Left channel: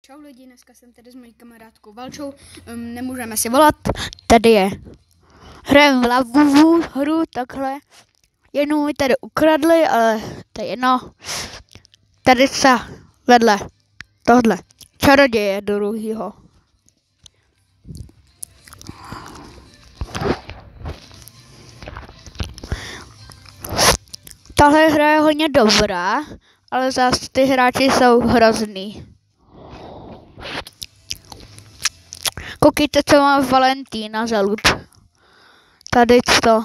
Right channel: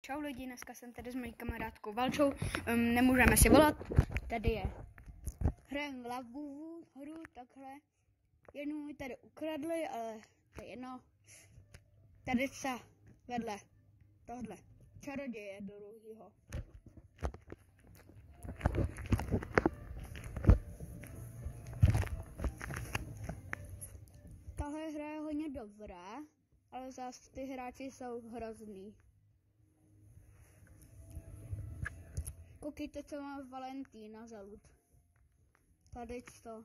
Čau lidi, dneska jsem tady s mojí kamarádkou Valčou, nemůžeme si volat, tady je. Hrajeme v Lavu hru, takhle. Jednou mi tady ukradli, ale to je jedno. Tady se vedle tohle čaroděje druhýho. Tahle hra je hodně dobrá, ale zase ty hráči jsou hrozný. Koukejte, co má Valentína za loot. Tady to.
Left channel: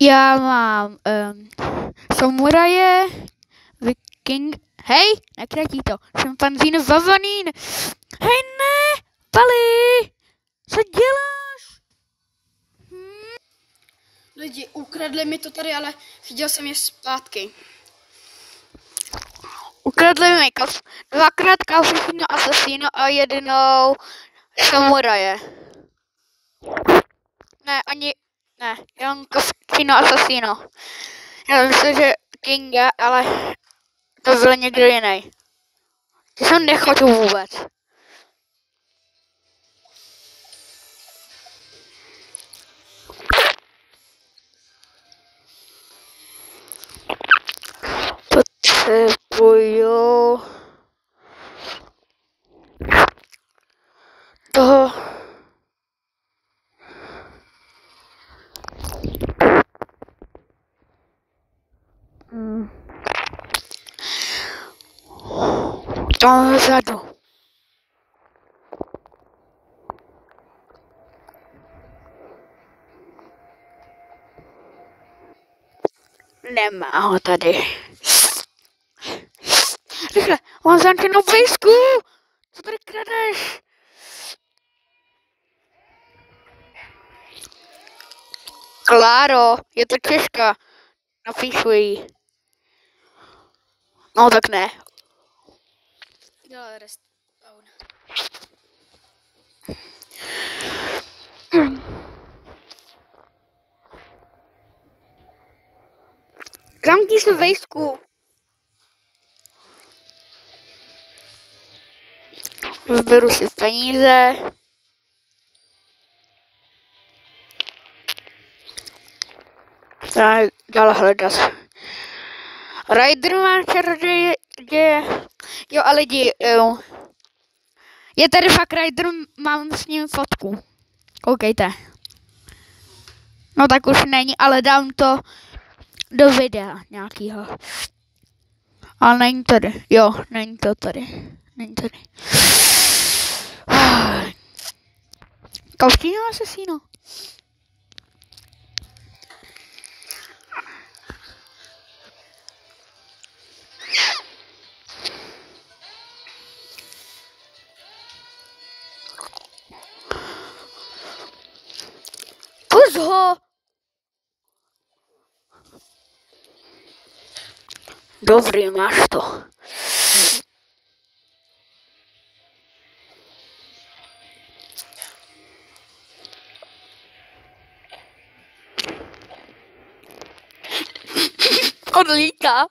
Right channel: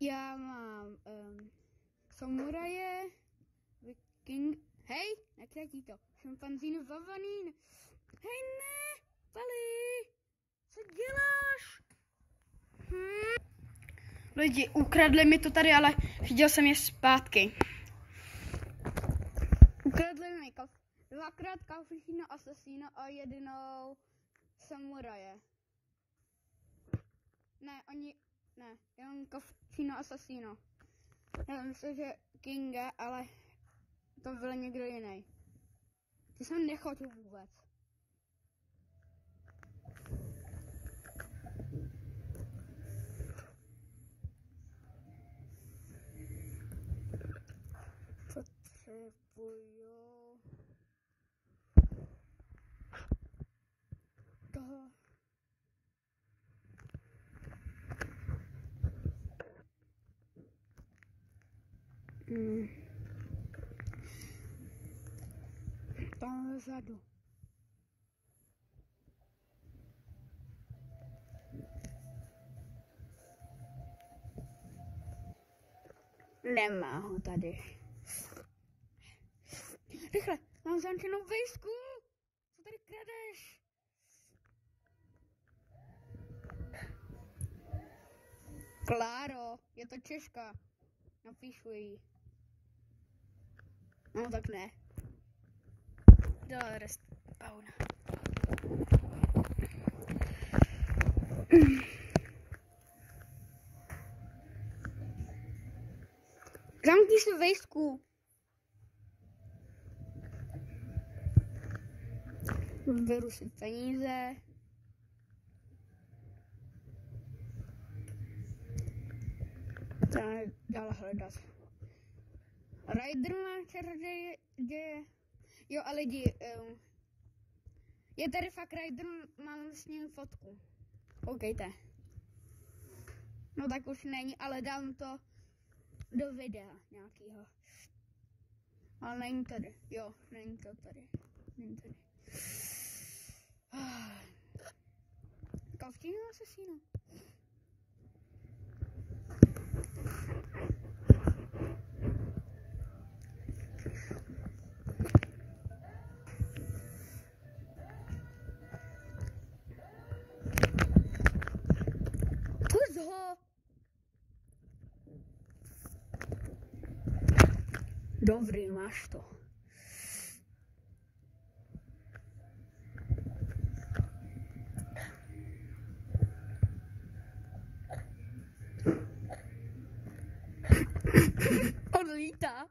Já mám samuraje, viking, hej, nekratí to, šimpanzín, vavanín, hej ne, Pali, co děláš? Lidi, ukradli mi to tady, ale chtěl jsem je zpátky. Ukradli mi dvakrát Kalfifino asasino a jednou samuraje. Ne, jenom Kalfifino asasino. Já myslím, že Kinga, ale to byl někdo jiný. Ty jsem nechodu vůbec. Potřebuju toho tam vzadu. Nemá ho tady. Rychle, mám zamčenou pejsku! Co tady kradeš? Kláro, je to Češka. Napíšu jí. No tak ne. Respawn. Zamkni se vejsku. Vyberu si peníze. Dál hledat. Rider má čaroděje. Jo a lidi, je tady fakt Rider, mám s ním fotku. Koukejte. No tak už není, ale dám to do videa nějakýho. Ale není tady. Jo, není to tady. Není tady. Kalfino asesino. Pust ho! Dobrý, máš to. Odlítá.